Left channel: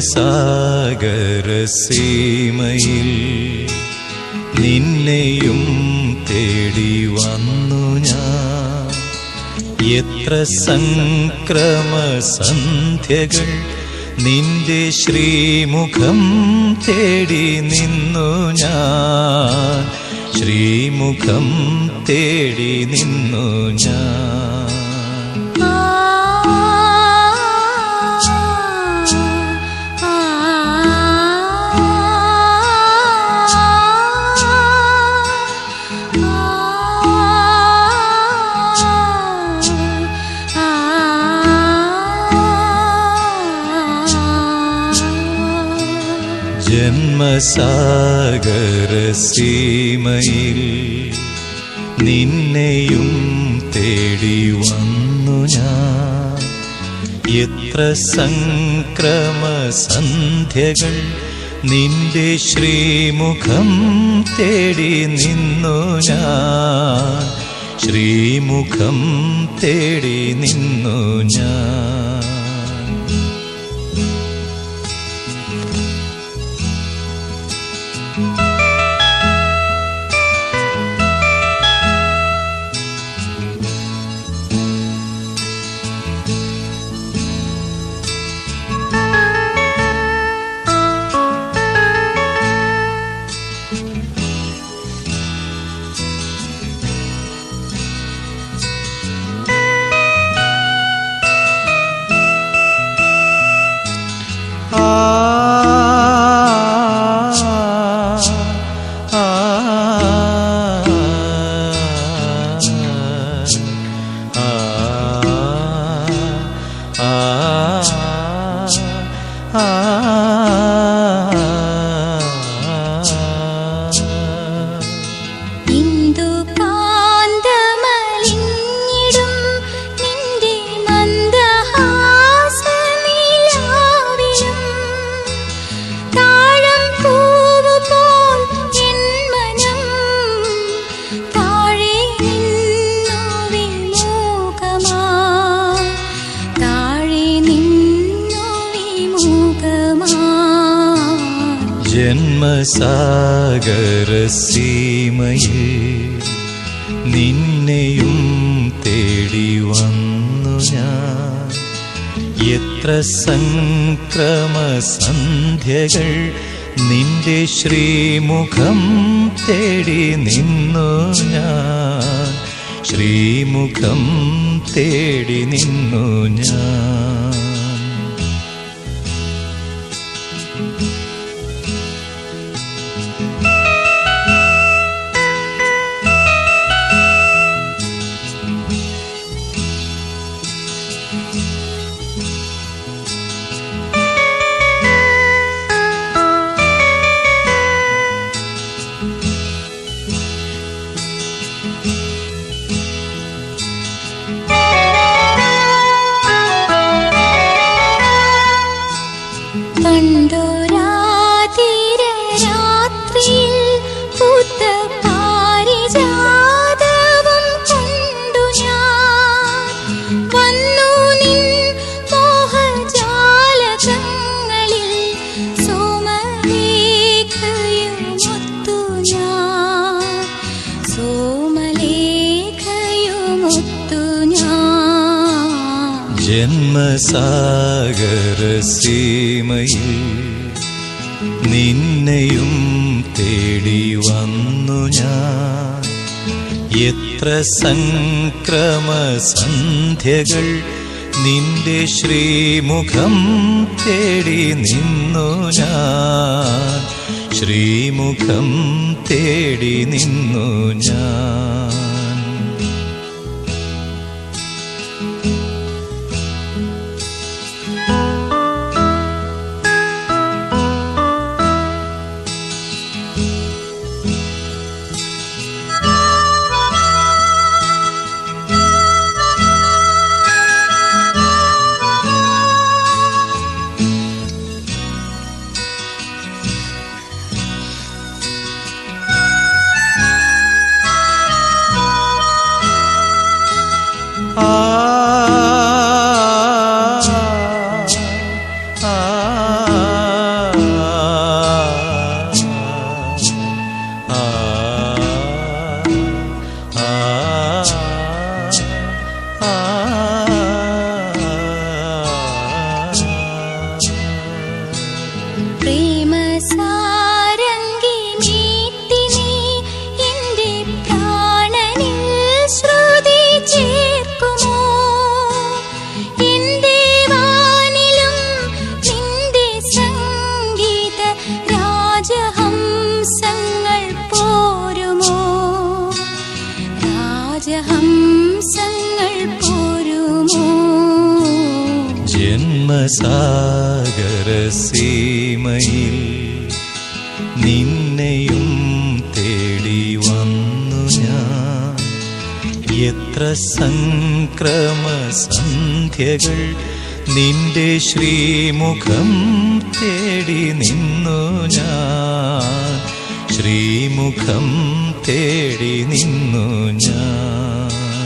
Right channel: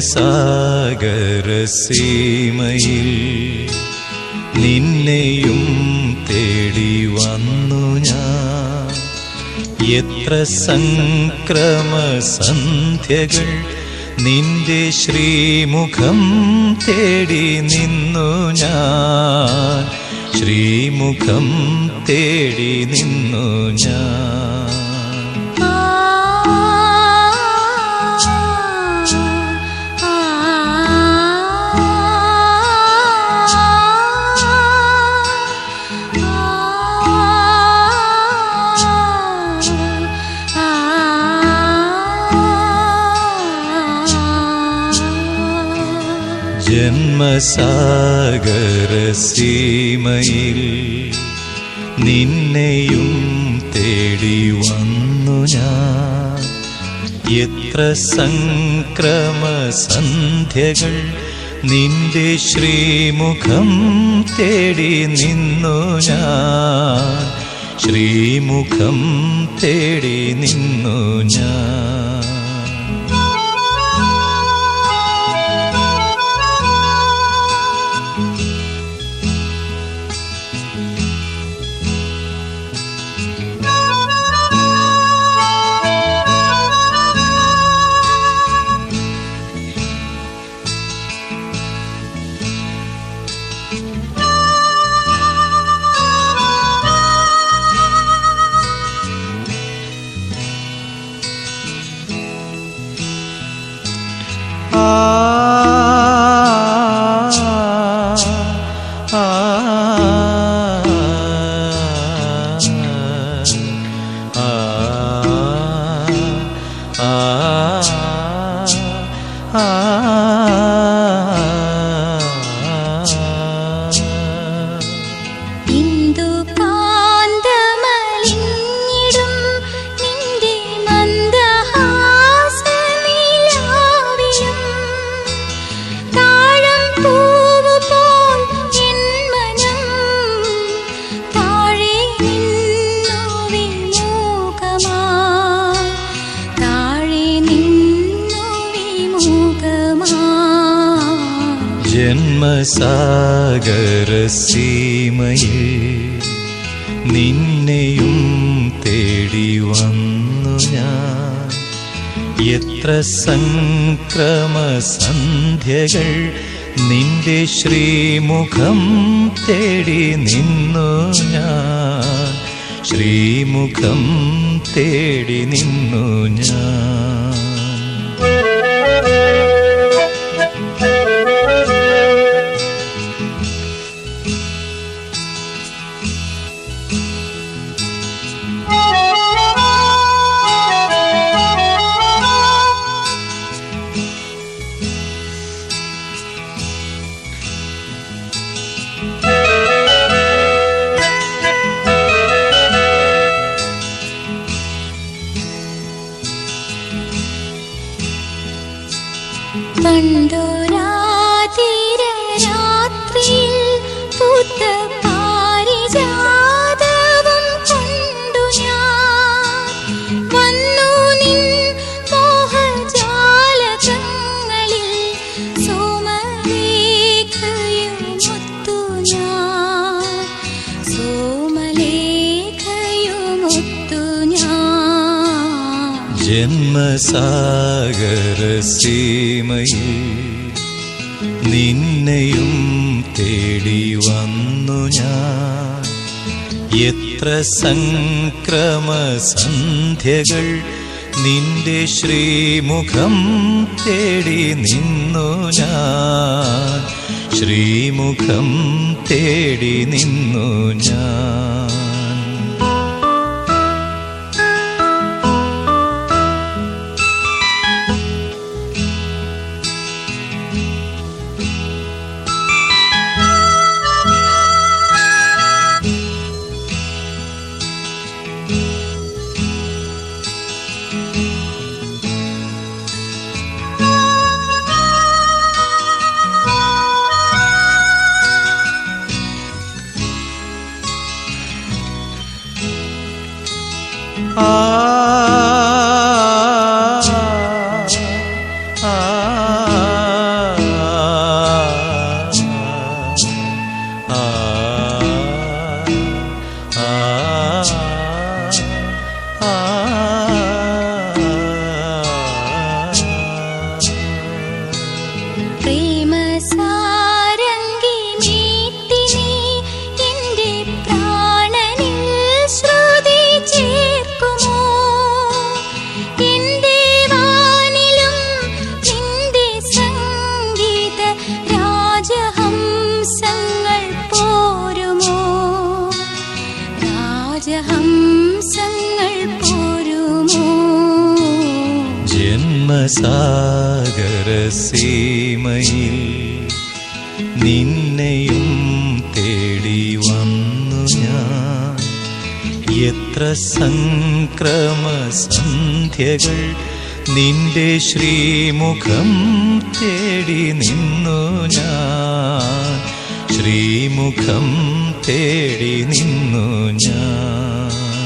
ജന്മസാഗരസീമയിൽ നിന്നെയും തേടി വന്നു ഞാൻ. എത്ര സംക്രമസന്ധ്യകൾ നിന്റെ ശ്രീമുഖം തേടി നിന്നു ഞാൻ. ശ്രീമുഖം തേടി നിന്നു ഞാൻ. ജന്മസാഗരസീമയിൽ നിന്നെയും തേടി വന്നു ഞാൻ. എത്ര സംക്രമസന്ധ്യകൾ നിന്റെ ശ്രീമുഖം തേടി നിന്നു ഞാൻ. ശ്രീമുഖം തേടി നിന്നു ഞാൻ. ജന്മസാഗരസീമയിൽ നിന്നെയും തേടി വന്നു ഞാൻ. എത്ര സംക്രമസന്ധ്യകൾ നിന്റെ ശ്രീമുഖം തേടി നിന്നു ഞാൻ. ശ്രീമുഖം തേടി നിന്നു ഞാൻ. കണ്ടോരാതിരരാത്രിയിൽ പൂത്ത പാരിജാതവും കണ്ടു ഞാൻ. വന്നു നിൻ മോഹജാലകങ്ങളിൽ സോമലേഖയുമൊത്തു ഞാൻ. സോമലേഖയുമൊത്തു ഞാൻ. ജന്മസാഗരസീമയിൽ നിന്നെയും തേടി വന്നു ഞാൻ. എത്ര സംക്രമസന്ധ്യകൾ നിന്റെ ശ്രീമുഖം തേടി നിന്നു ഞാൻ. ശ്രീമുഖം തേടി നിന്നു ഞാൻ. ആ ജനസാഗരസീമയിൽ നിന്നെയും തേടി വന്നു ഞാൻ. എത്ര സംക്രമസന്ധ്യകൾ നിന്റെ ശ്രീമുഖം തേടി നിന്നു ഞാൻ. ശ്രീമുഖം തേടി നിന്നു ഞാൻ.